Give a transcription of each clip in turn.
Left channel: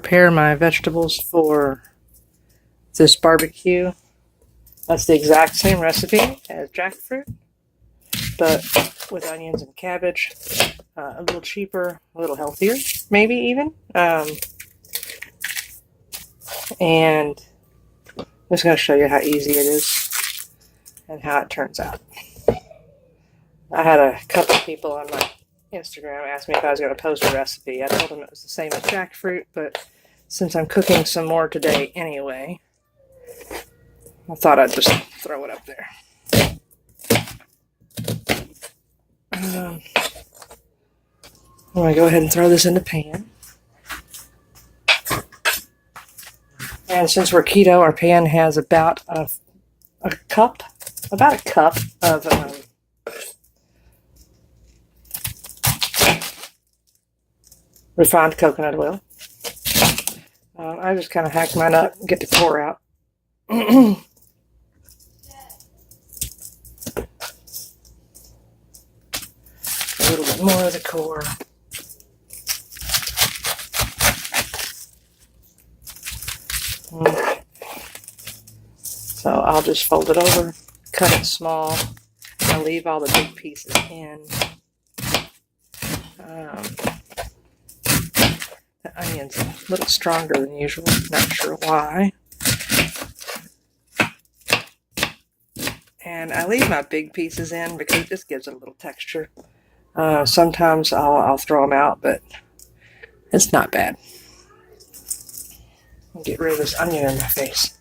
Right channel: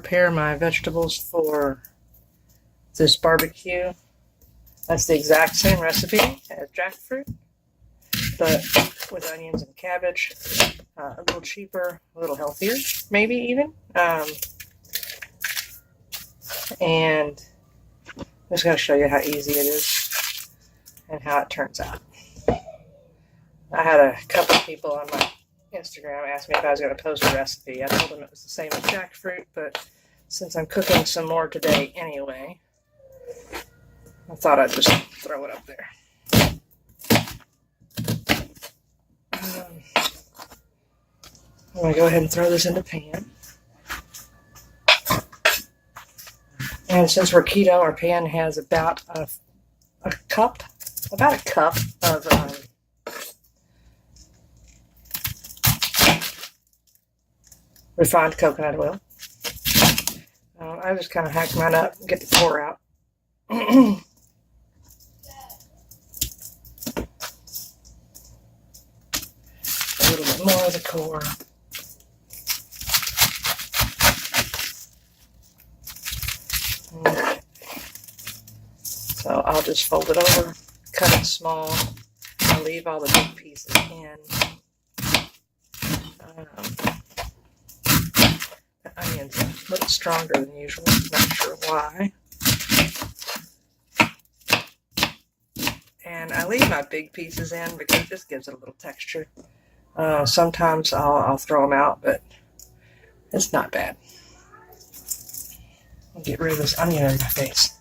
prepare my vegetables for this barbecue. That's the exact same recipe as jackfruit, but with onions and cabbage. A little cheaper, a little healthier, maybe even. And I'm just going to show you how easy it is and how it turns out. I had a couple people on my Instagram ask me if I was going to post a recipe. I told them it was the same as jackfruit, but since I'm cooking some more today anyway, I thought I'd just throw it up there. I'm going to go ahead and throw this in the pan. And since we're keto, our pan has about a cup of refined coconut oil. I just kind of hack mine up and get the core out. A little bit more of the core. Okay. So I'll just fold it over, cut it small, and leave all the big pieces in. The onion's a little stronger than usual, not sure why. And I leave my big pieces in because it just gives it a little texture. Sometimes I'll throw them out, but it's not bad. I'll get rid of this onion in my face.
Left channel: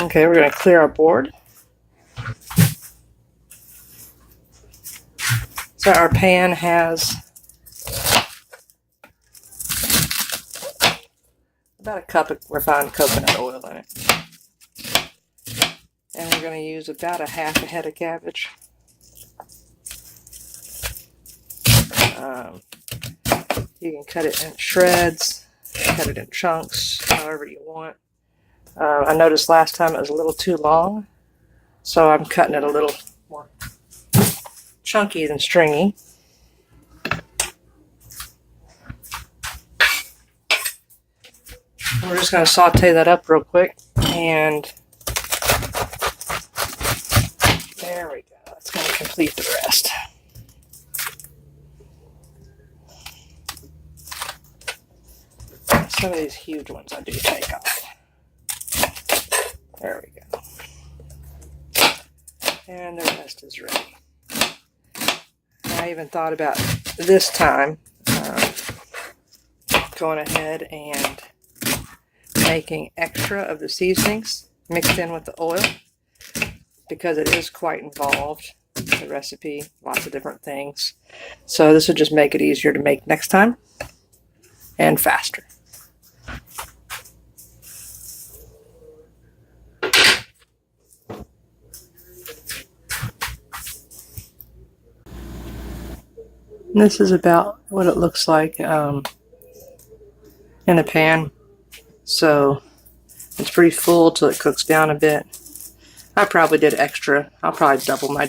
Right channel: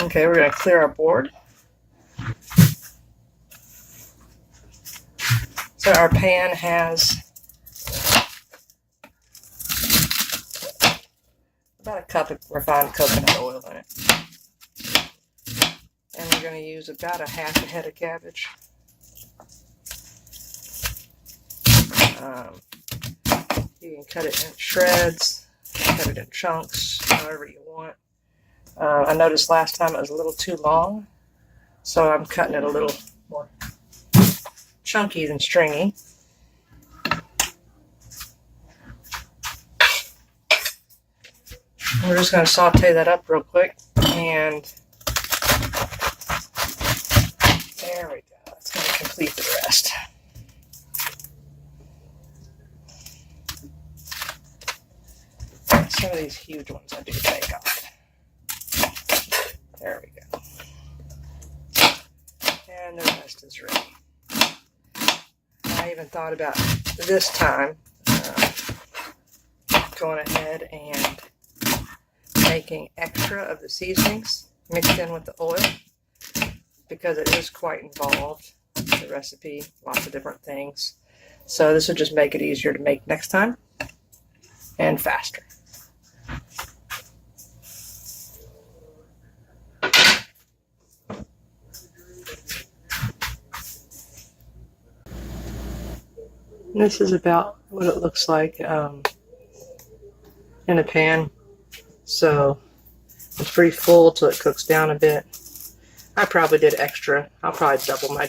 Okay, we're going to clear our board. So our pan has about a cup of refined coconut oil in it. And we're going to use about a half a head of cabbage. You can cut it in shreds, cut it in chunks, however you want. I noticed last time it was a little too long, so I'm cutting it a little more chunky than stringy. And we're just going to saute that up real quick, and there we go. That's going to complete the rest. Some of these huge ones I do take off. There we go. And the rest is ready. I even thought about this time going ahead and making extra of the seasonings mixed in with the oil, because it is quite involved, the recipe, lots of different things. So this would just make it easier to make next time and faster. And this is about what it looks like in a pan. So it's pretty full till it cooks down a bit. I probably did extra. I'll probably double my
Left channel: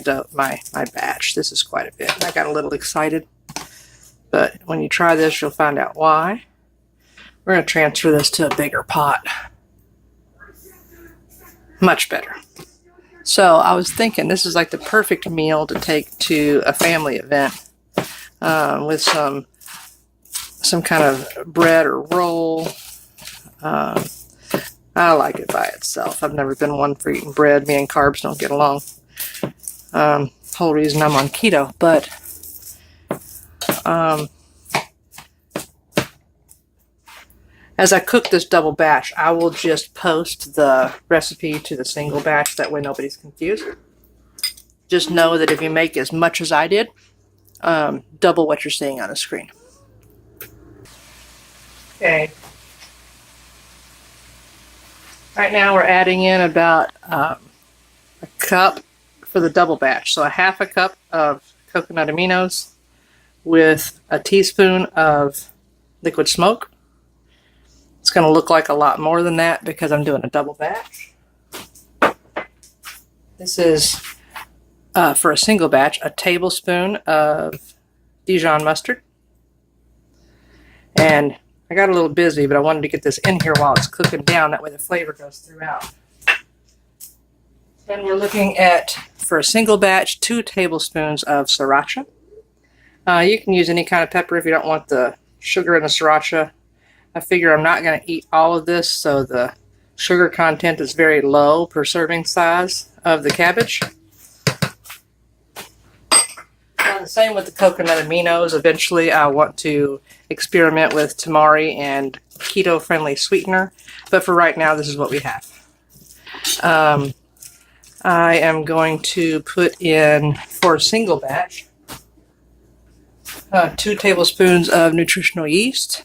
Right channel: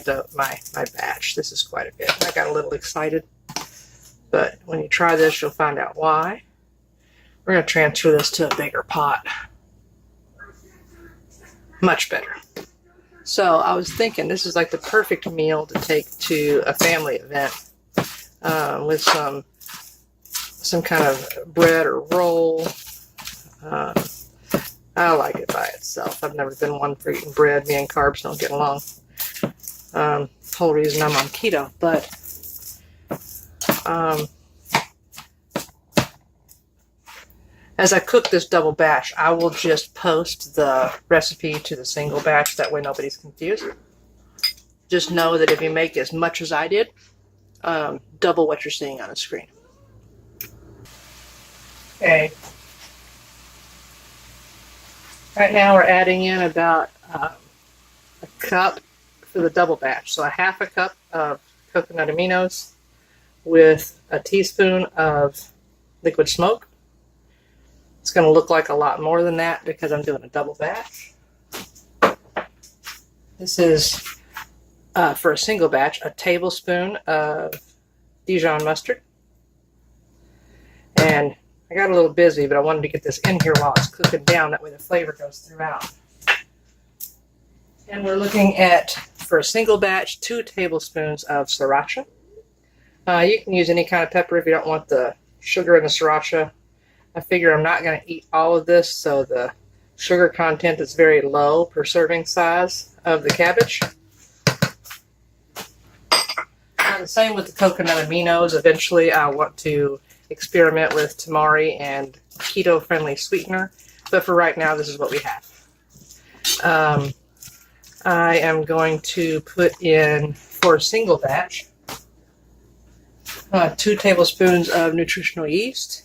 batch. This is quite a bit. I got a little excited. But when you try this, you'll find out why. We're going to transfer this to a bigger pot. Much better. So I was thinking this is like the perfect meal to take to a family event. With some kind of bread or roll. I like it by itself. I've never been one for eating bread. Me and carbs don't get along. Whole reason I'm on keto. But as I cook this double batch, I will just post the recipe to the single batch. That way nobody's confused. Just know that if you make as much as I did, double what you're seeing on the screen. Okay. Right now we're adding in about a cup for the double batch. So a half a cup of coconut aminos with a teaspoon of liquid smoke. It's going to look like a lot more than that because I'm doing a double batch. This is, for a single batch, a tablespoon of Dijon mustard. And I got a little busy, but I wanted to get this in here while it's cooking down. That way the flavor goes throughout. And we're looking at, for a single batch, 2 tablespoons of sriracha. You can use any kind of pepper if you don't want the sugar in the sriracha. I figure I'm not going to eat all of this, so the sugar content is very low per serving size of the cabbage. The same with the coconut aminos. Eventually I want to experiment with tamari and keto-friendly sweetener, but for right now this is what we have. I am going to put in, for a single batch, 2 tablespoons of nutritional yeast.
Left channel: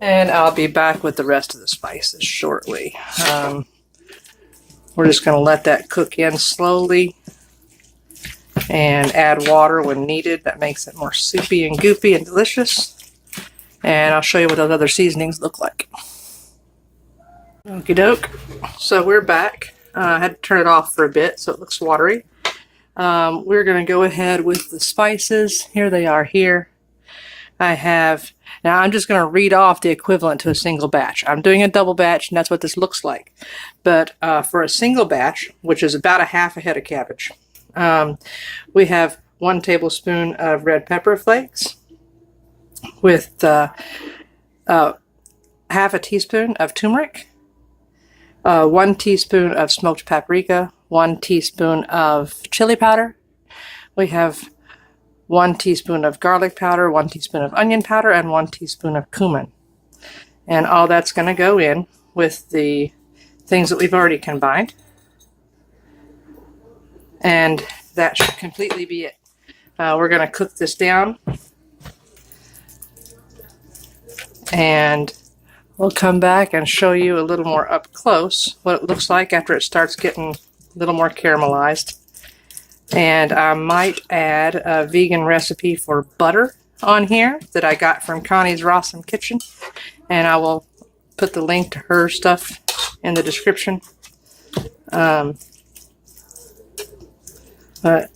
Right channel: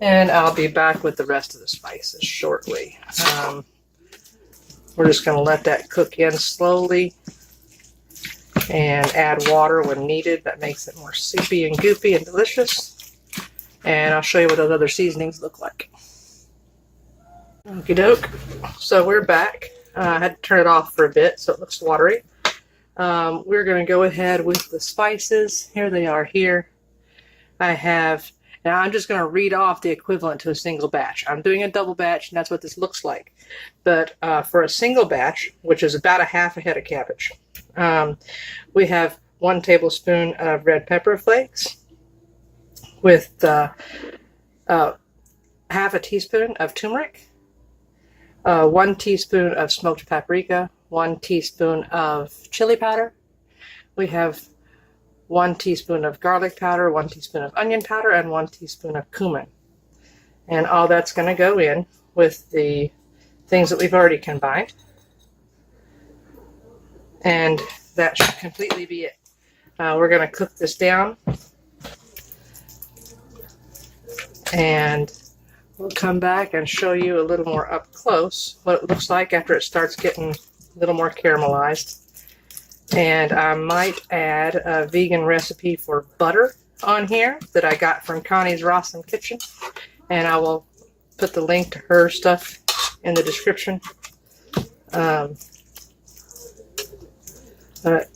And I'll be back with the rest of the spices shortly. We're just going to let that cook in slowly and add water when needed. That makes it more soupy and goopy and delicious. And I'll show you what those other seasonings look like. Okie doke. So we're back. I had to turn it off for a bit so it looks watery. We're going to go ahead with the spices. Here they are here. Now I'm just going to read off the equivalent to a single batch. I'm doing a double batch, and that's what this looks like. But for a single batch, which is about a half a head of cabbage, we have 1 tablespoon of red pepper flakes with half a teaspoon of turmeric, 1 teaspoon of smoked paprika, 1 teaspoon of chili powder. We have 1 teaspoon of garlic powder, 1 teaspoon of onion powder, and 1 teaspoon of cumin. And all that's going to go in with the things that we've already combined. And that should completely be it. We're going to cook this down. And we'll come back and show you a little more up close what it looks like after it starts getting a little more caramelized. And I might add a vegan recipe for butter on here that I got from Connie's Rawesome Kitchen. And I will put the link to her stuff in the description. But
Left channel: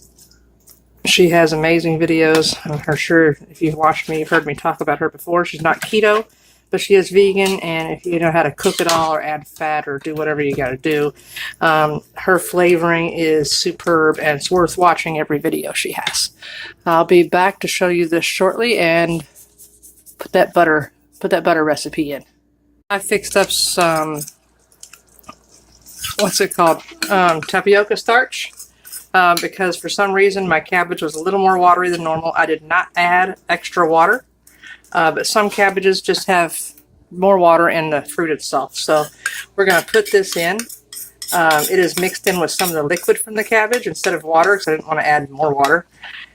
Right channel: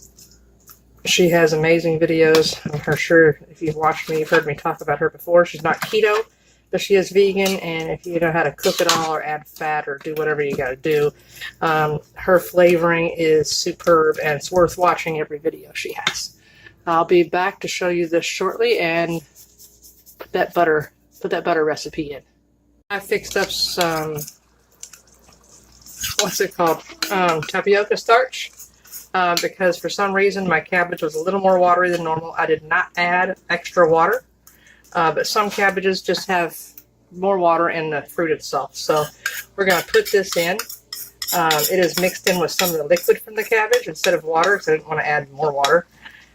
she has amazing videos. I'm sure if you've watched me, you've heard me talk about her before. She's not keto, but she is vegan, and if you know how to cook it all or add fat or do whatever you got to do, her flavoring is superb, and it's worth watching every video she has. I'll be back to show you this shortly and put that butter recipe in. I fixed up some, what's it called, tapioca starch, because for some reason my cabbage was a little more watery than normal. I did not add extra water. But some cabbages just have more water in the fruit itself. So we're going to put this in. It is mixed in with some of the liquid from the cabbage instead of water, because I didn't want to add more water.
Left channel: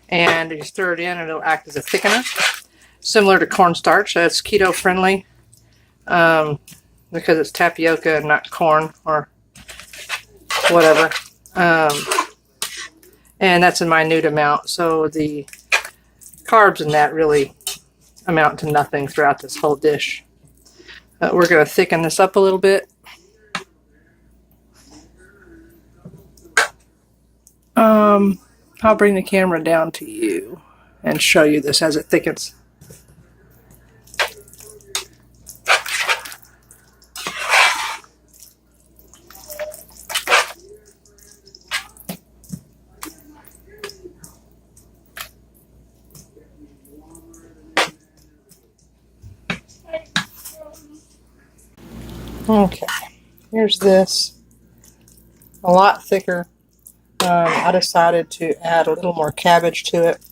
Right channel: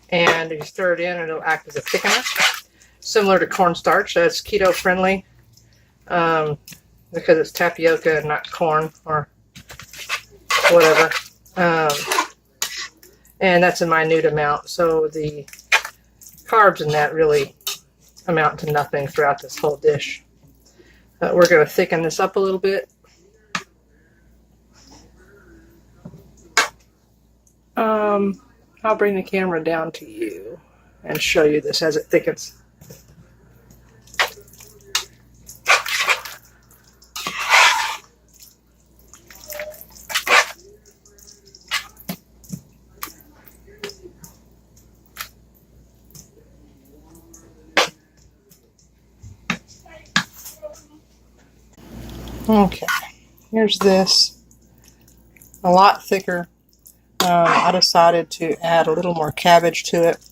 And you stir it in and it'll act as a thickener. Similar to cornstarch. That's keto friendly because it's tapioca and not corn or whatever. And that's a minute amount. So the carbs in that really amount to nothing throughout this whole dish. But we're going to thicken this up a little bit. I'll bring the camera down to you and show you this as it thickens. Okay, here's this, a lot thicker. I decided to add a little more cabbage to it,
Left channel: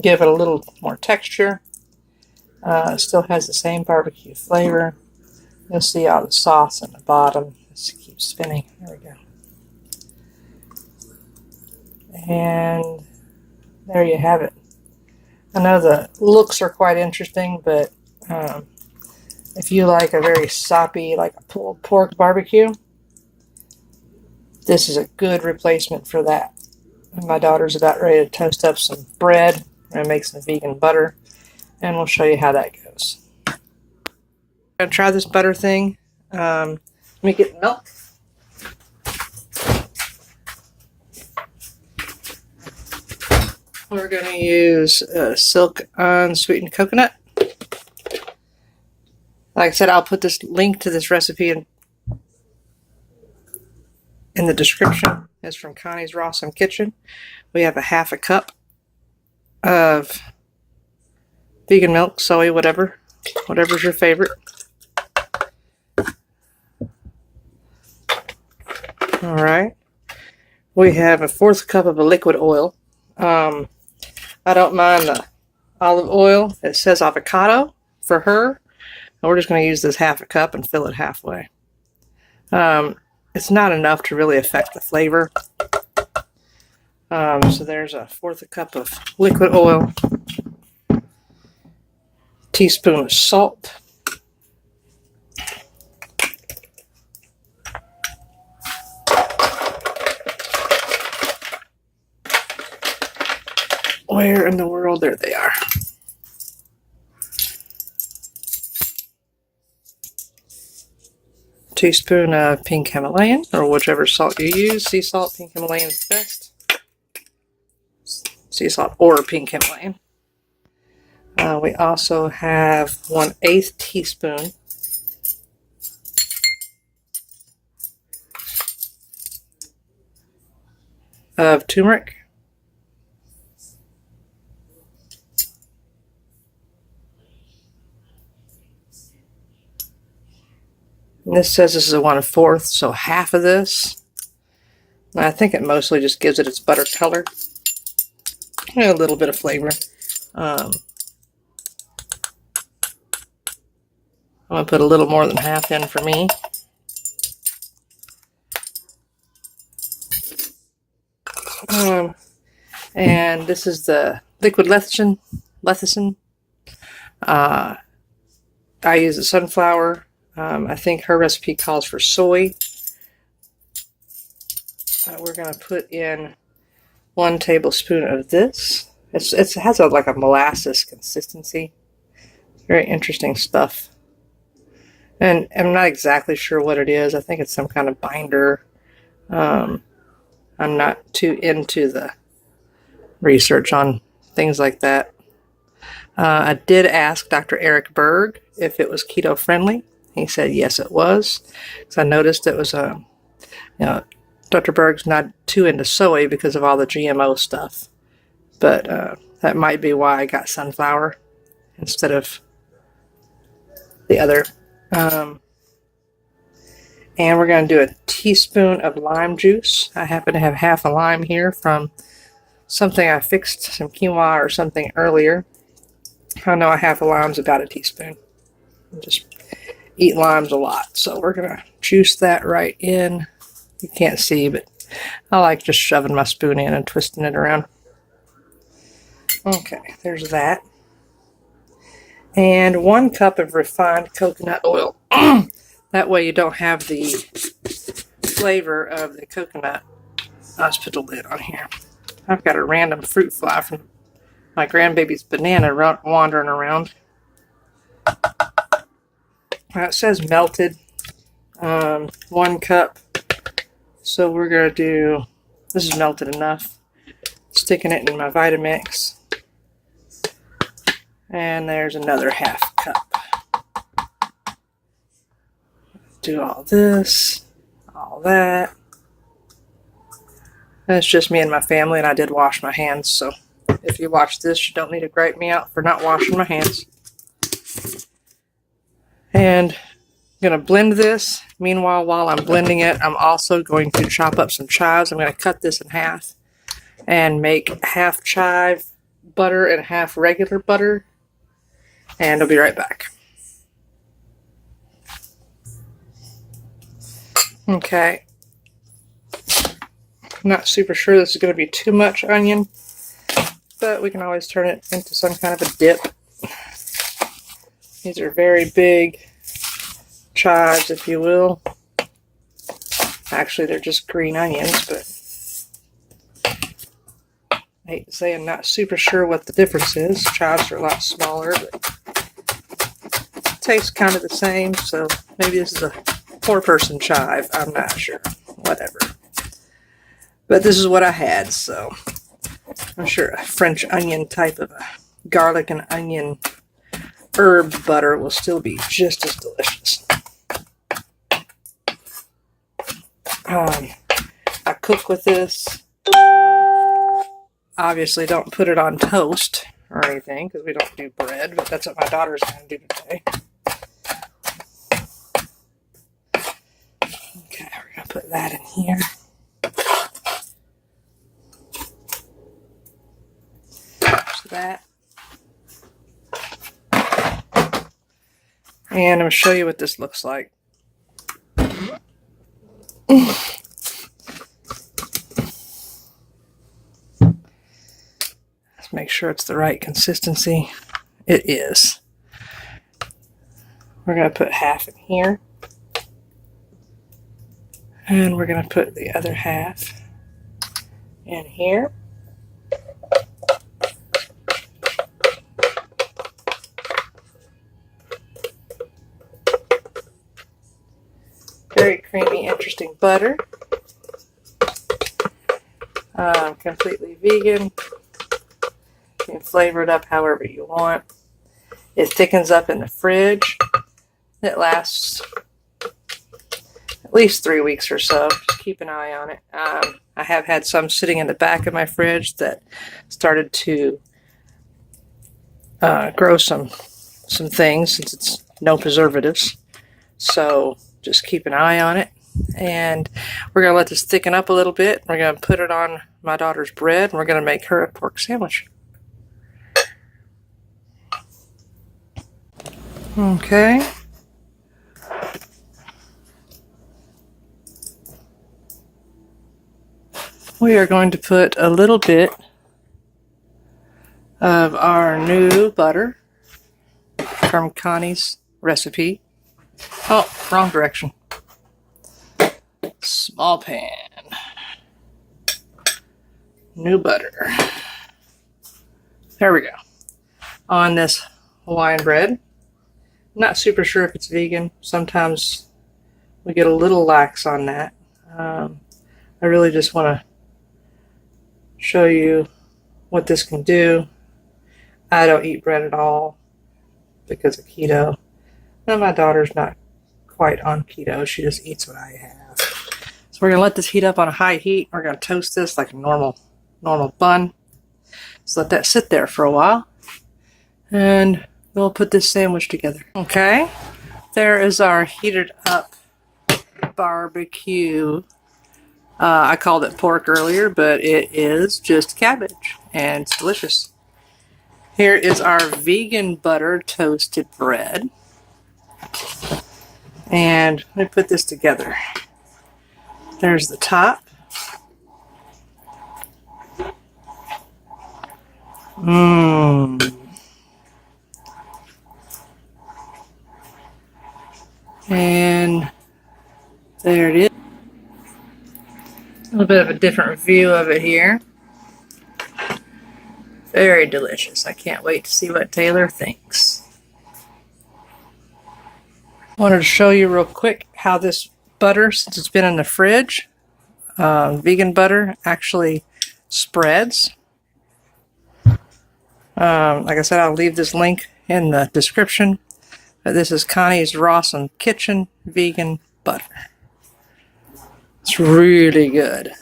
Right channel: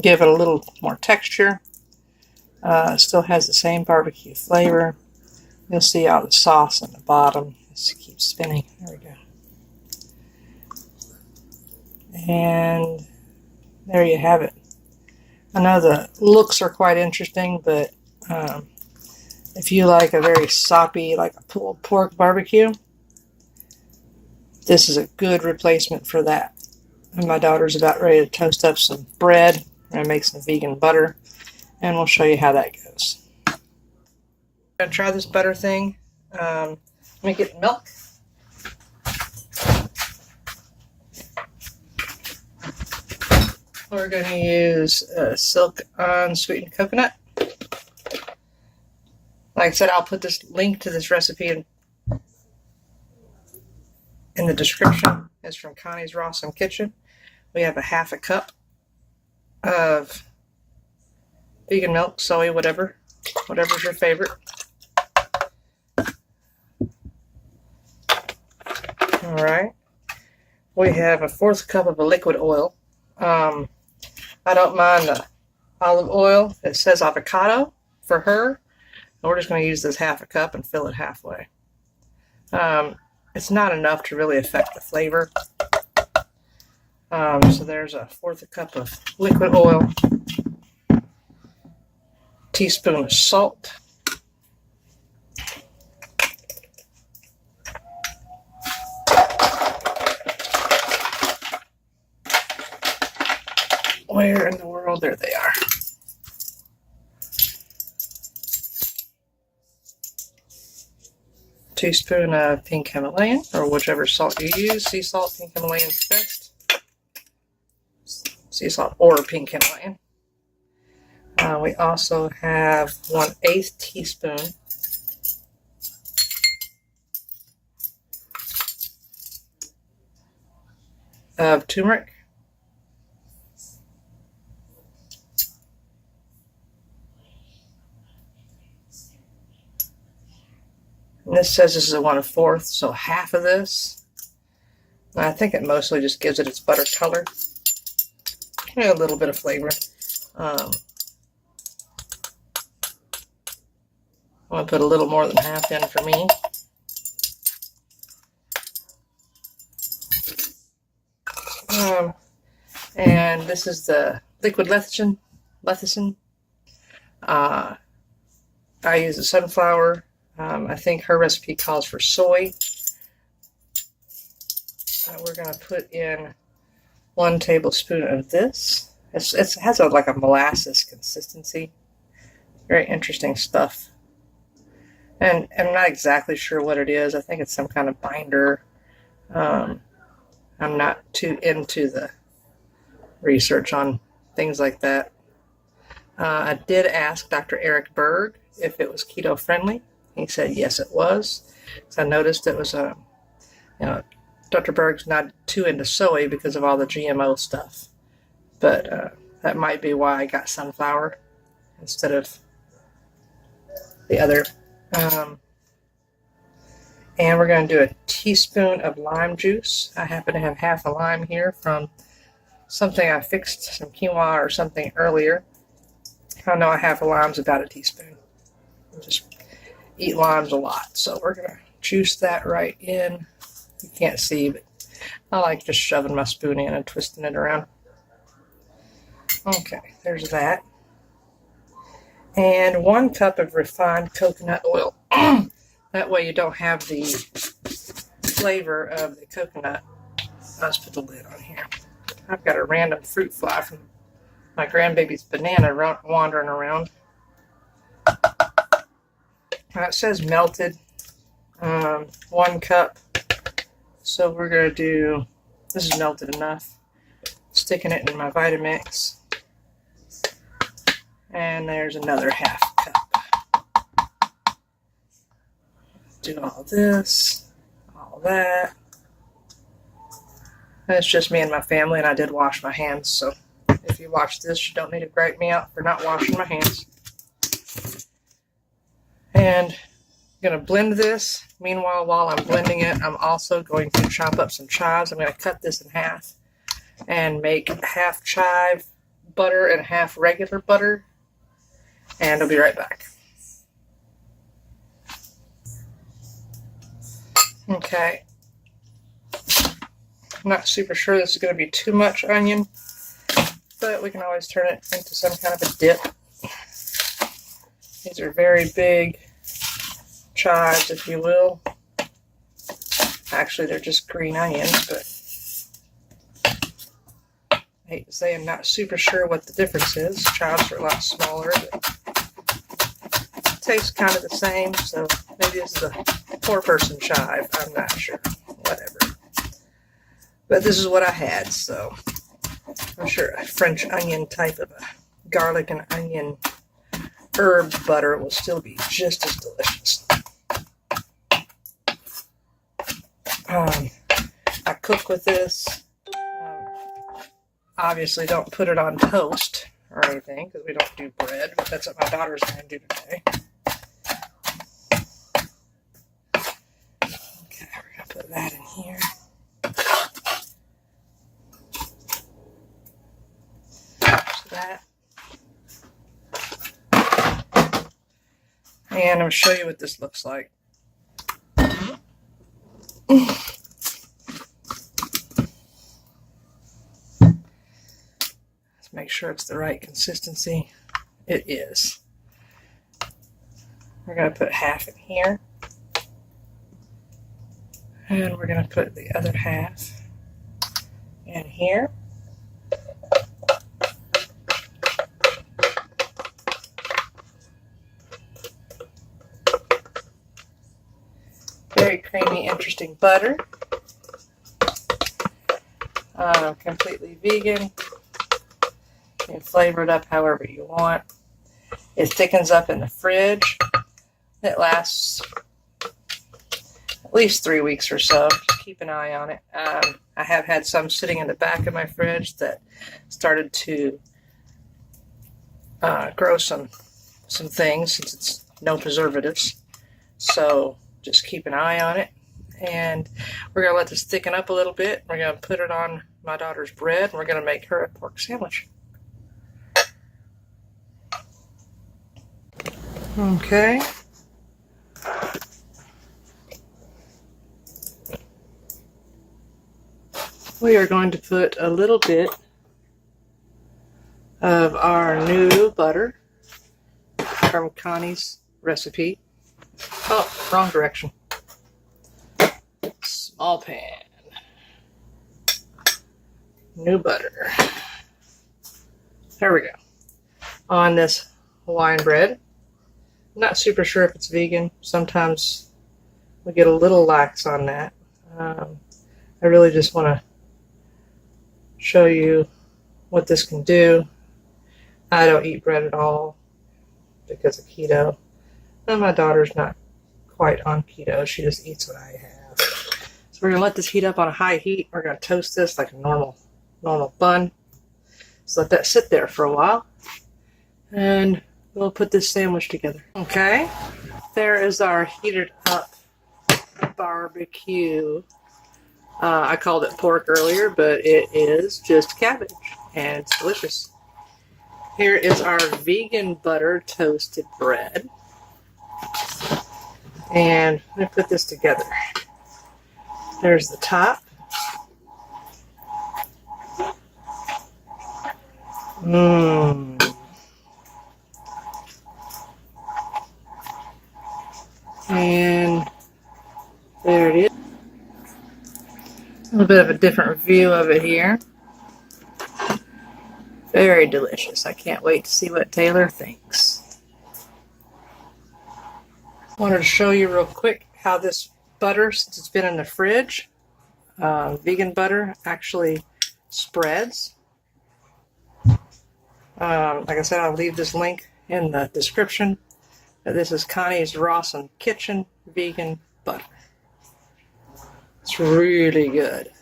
give it a little more texture. It still has the same barbecue flavor. You'll see all the sauce in the bottom. Let's keep spinning. There we go. And there you have it. I know the looks are quite interesting, but if you like a very soppy, like a pulled pork barbecue, this is a good replacement for that. And my daughter's about ready to toast up some bread. We're going to make some vegan butter, and we'll show you how that goes. I'm going to try this butter thing. Let me get milk. We're going to use silk unsweetened coconut. Like I said, I'll put this link to this recipe in the description. It's from Connie's Rawsome Kitchen. We have a half a cup of vegan milk, soy, whatever's your favorite. All right. We have a 1/4 cup of a liquid oil. I don't mind the olive oil. It says avocado for her. And we're just going to use this half a cup and fill it halfway. It's not enough to really affect the flavor. So there's a 1/4 cup of liquid oil, teaspoon of salt, where in the world? There they are. Teaspoon of pink Himalayan, or whichever salt you use. Sea salt, pink Himalayan is best. Sea salt or pink Himalayan. We also have 1/8 teaspoon of turmeric. And this says this is a 1/4, so half of this. And I think it mostly just gives it its butter color. And a little bit of flavor. I'm going to put a little more than half in for me. And this is the liquid lecithin. I use the sunflower. I think her recipe calls for soy. We're going to put in 1 tablespoon of this. It has like a molasses consistency. Very interesting stuff. And I'm not exactly sure what it is. I think it's some kind of binder. I'm not too into the research on things like that. I did ask Dr. Eric Berg if it was keto friendly. He said yes, it was. So I noticed it was Dr. Berg's not too into soy because of all the GMO stuff. But that might be why I got sunflower instead of the other. And we're going to do a teaspoon of lime juice. I happen to have half a lime here from something I fixed, some quinoa or something earlier. I know a half a lime's about a teaspoon. I just eat limes a lot. So we're going to juice that right in. You can't see, but I like just shoving my spoon in and twisting it around. Okay, there's that. And 1 cup of refined coconut oil. That way you don't have the flavor of the coconut. Let's put the lid on here. I've got a random fruit fly from my grandbaby's banana wandering around. It says melted. 1 cup. So we're going to do, this is melted enough. Sticking it in my Vitamix. And there's another half cup. Do all this, all that. And it's just me and my family, and I did wash my hands, so if you watch this, you don't need to gripe me out for not washing my hands. And I'm going to blend this. Meanwhile, while I'm blending it, I'm also going to chop up some chives. I'm going to cut this in half and make half chive butter and half regular butter. And I'll be right back. Okay. I'm not super sure this is going to be too much onion, but we can always turn it into some kind of a dip. These are very big chives, if you will. Actually, they're just green onions, but I hate to say I'm not super sure what the difference is. Chives are a lot smaller, but tastes kind of the same, so maybe this is a four-person chive. I'm not sure. Whatever. But this is what I had, so I'm sure a French onion type of a garlic and onion herb butter will still be just as delicious. I cook with this. Obviously, don't put it on toast or anything because we don't do bread, but that's what my daughter's going to do today. Okay, we're going to put that in here. So that. And I'm going to show you what this looks like. Let's make sure it's the right consistency. It is. We're going to put half in here. And we're going to put the other half in here. Very creamy, interesting butter. Completely vegan. You can flavor it up however you want. It thickens up in the fridge. It lasts at least 3 weeks or so. Just keep an eye on it. I have had some sitting in the back of my fridge that started to grow some things since it's no preservatives. So just keep an eye on it. And we're going to let this thicken up a little bit. We're going to put it on my daughter's bread, and we're going to make her a pork sandwich. Okay. We are going to put a little bit of our new butter from Connie's recipe. Oh, wrong direction. Small pan. New butter. There we go. On this Hawaiian bread. I'm not super sure if it's vegan. Sometimes we get a little lax on that. I really just want to show you what this can do. I don't eat bread at all because of keto. And my daughter's not quite on keto. She just eats what I have. So we're going to let this heat up on a high heat. We're going to toast this like a normal bun. So let that sit there for a while. And we'll put this sandwich together. Okay. There is our heated up barbecue. I called it pork earlier, but it is just cabbage. And it's delicious. Here is our vegan butter toasted bread. And let me put this together. There's the top. And there it is. A little bit of a different view of it here. Very delicious. I can't wait to see what Taylor thinks. Wanted to show you real quick how this butter, since it's been in the fridge, vegan butter actually spreads. Like I said, I'll leave this link in the description. This is Connie's Rawson Kitchen vegan butter. It's really good.